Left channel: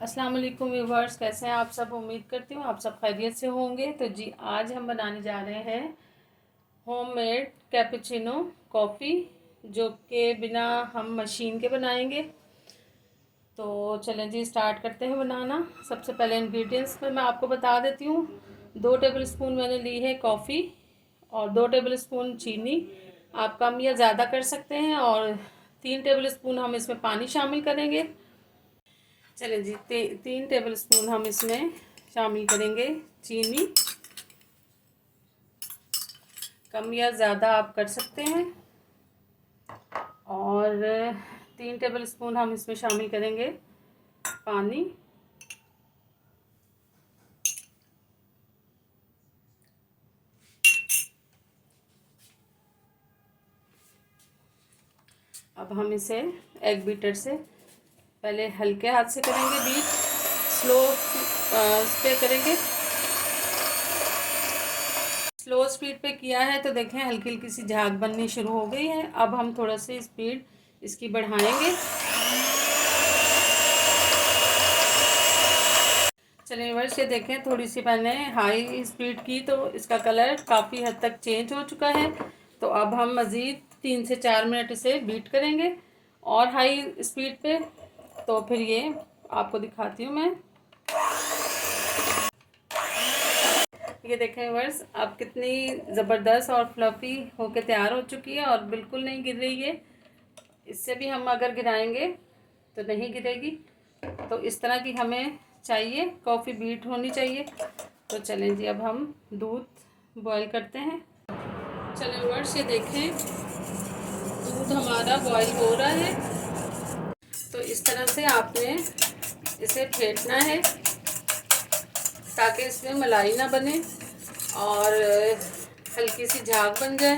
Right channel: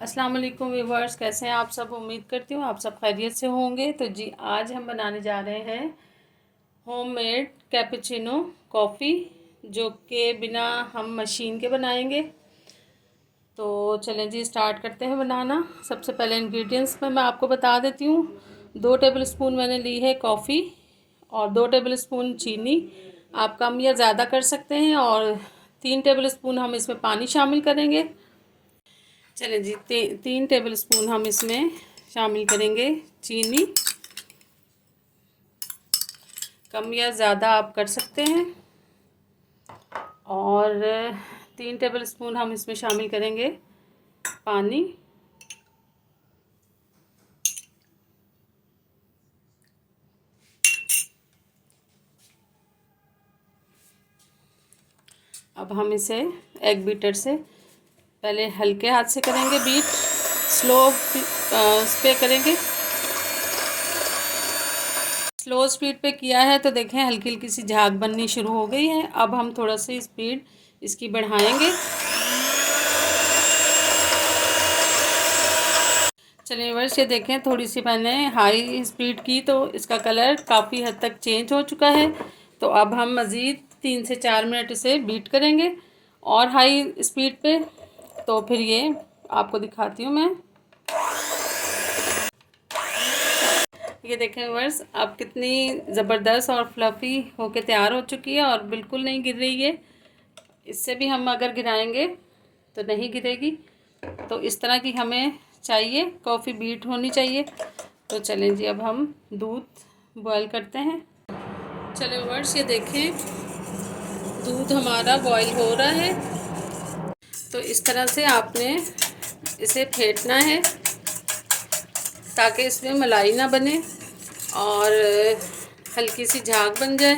अस्सलाम वालेकुम व्यूवर्स, कैसे हैं आप सब। उम्मीद करती हूँ आप सब खैरियत से होंगे। तो जी आज हम बनाने जा रहे हैं होममेड कैपुचिनो कॉफ़ी, जो कि बिना हम मशीन के बनाएंगे। तो चलें जी स्टार्ट करते हैं बनाना। सबसे पहले इंग्रेडिएंट्स में मैं आपको बता देती हूँ। 2 टेबलस्पून मैंने ली है कॉफ़ी और 2 टेबलस्पून चीनी। आप कम या ज़्यादा कर सकते हैं। और 3 टेबलस्पून हम इसमें पानी शामिल करेंगे। चलें जी 3 टेबलस्पून हम इसमें शामिल करेंगे चीनी। कम या ज़्यादा आप कर सकते हैं। और 3 टेबलस्पून हम इसमें शामिल करेंगे पानी। अब हम इसे एग बीटर से पहले हल्के हाथ से करेंगे बीट, स्लो पे करेंगे। स्लो स्पीड पे किया है तो देखें हल्की हल्की सी झाग बननी शुरू हो गई है। अब हम थोड़ा सी स्पीड इसकी बढ़ाएंगे। चलिए वर्ष ये देखें, थोड़ी सी मैंने हाई स्पीड की तो इसका कलर काफ़ी हद तक चेंज हो चुका है। तो अब हम मज़ीद 3 से 4 मिनट इसे बीट करेंगे और हाई स्पीड पे। तो फिर ये आपको दिखाती हूँ मैं। ये देखें वर्स अब कितनी ज़बरदस्त और फ्लफ़ी होके तैयार हो चुकी है और बिल्कुल नहीं गिर रही है। इससे भी हम अगर गिराएंगे तो नहीं गिरेगी। तो इस तरह की हमें चाहिए, कॉफ़ी बीट होनी चाहिए। तो चलें जी अब हम दूध बॉयल करते हैं। चलें वर्स ये देखें दूध हमारा बॉयल हो रहा है। तो इस तरह से आपने इसे फेंटना है ताकि इसमें मलाई ना बने और हल्की सी झाग बन जाए।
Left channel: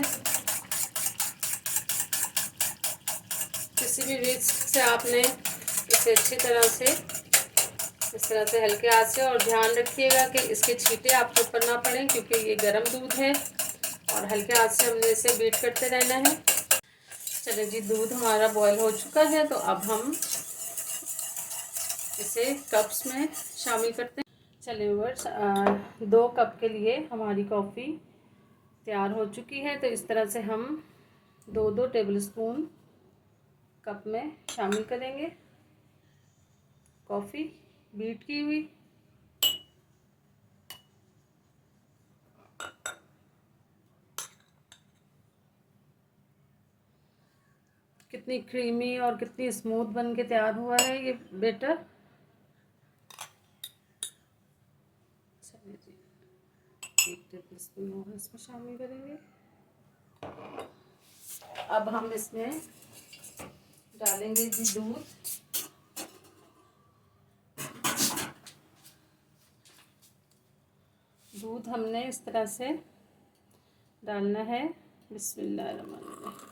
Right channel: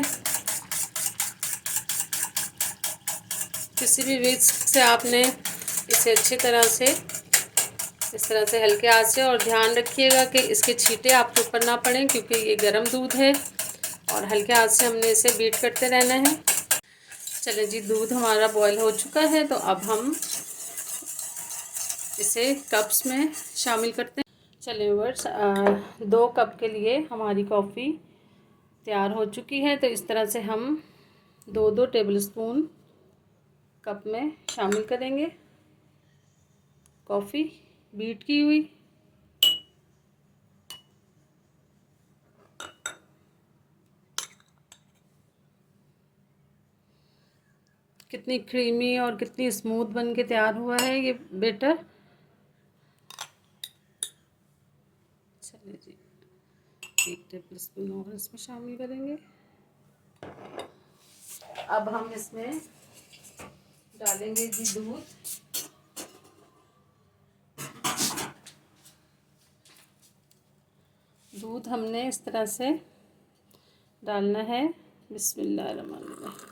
किसी भी विस्क से आपने इसे अच्छी तरह से इस तरह से हल्के हाथ से, और ध्यान रखिएगा कि इसके छींटे आपके ऊपर ना पड़ें क्योंकि ये गर्म दूध है और हल्के हाथ से हमने इसे बीट करते रहना है। चलिए जी दूध हमारा बॉयल हो चुका है तो अब हम इसे कप्स में शामिल करते हैं। चलिए वर्स 2 कप के लिए हमारी कॉफ़ी तैयार हो चुकी है। तो इस तरह से हम 2-2 टेबलस्पून कप में शामिल करेंगे कॉफ़ी बीट की हुई। कितनी क्रीमी और कितनी स्मूथ बन के तैयार हुआ है ये बैटर। चलिए जी 1 टेबलस्पून और इसमें शामिल करेंगे। अब हम इसमें डालेंगे जी दूध। दूध हमने इस तरह से डालना है। बिस्मिल्लाहिर्रहमानिर्रहीम।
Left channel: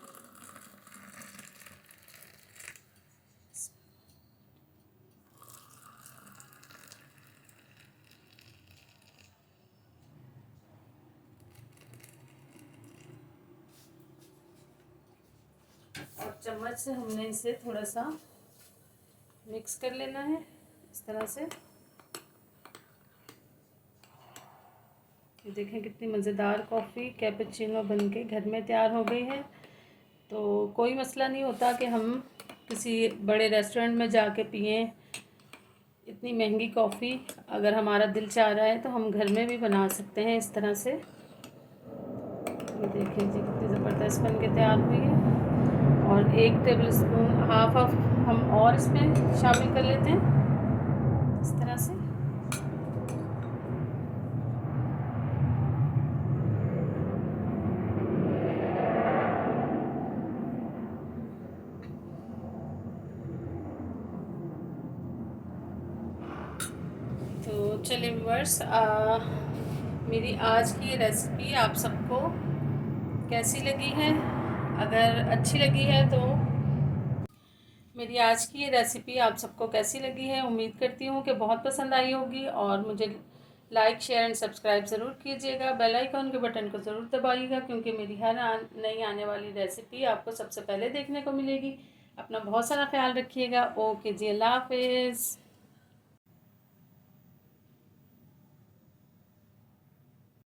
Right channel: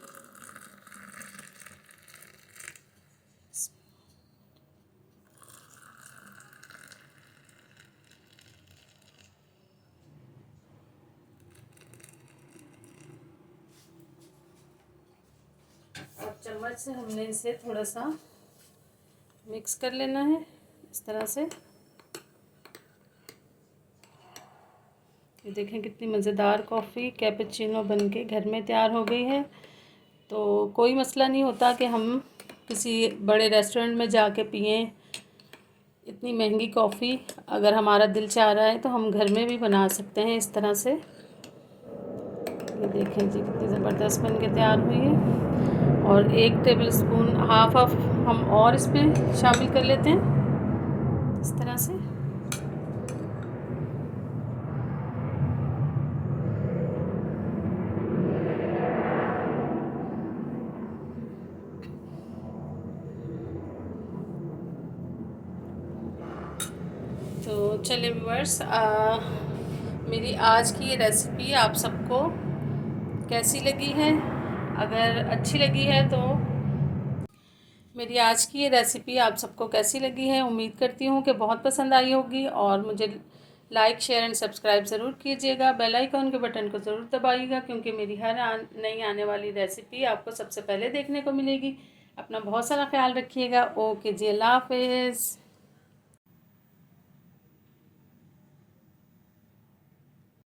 और चम्मच से हमने इसे थोड़ा सा मिक्स कर लेना है इस तरह से। ये देखें कितनी मज़ेदार कॉफ़ी कैपुचिनो बनके घर में तैयार हो गई है। तो कोई मसला नहीं होता कि हम किसी बड़े रेस्टोरेंट में जाके पिएं इतनी महंगी कॉफ़ी। अगर हमारा दिल चाह रहा है तो हम घर में भी बना सकते हैं इस तरह से। ये देखें जी कितनी ज़बरदस्त बन के तैयार हुई है। और 1 टेबलस्पून हाफ हम और इस पर शामिल कर लेते हैं इस तरह से। तो चलिए व्यूअर्स मेरी आज की रेसिपी आप सबको कैसी लगी है। अगर अच्छी लगी है तो मेरी आज की ये रेसिपी आप सबको कैसी लगी है, उम्मीद करती हूँ कि बहुत पसंद आई होगी। और मुझे लाइक शेयर एंड सब्सक्राइब ज़रूर कीजिएगा। बेल आइकन के बटन को ज़रूर दबाइएगा क्योंकि मेरी हर नई आने वाली रेसिपी आपको सबसे पहले देखने को मिलेगी। अपना बहुत सारा ख्याल रखिएगा। ओके जी, अल्लाह हाफिज़।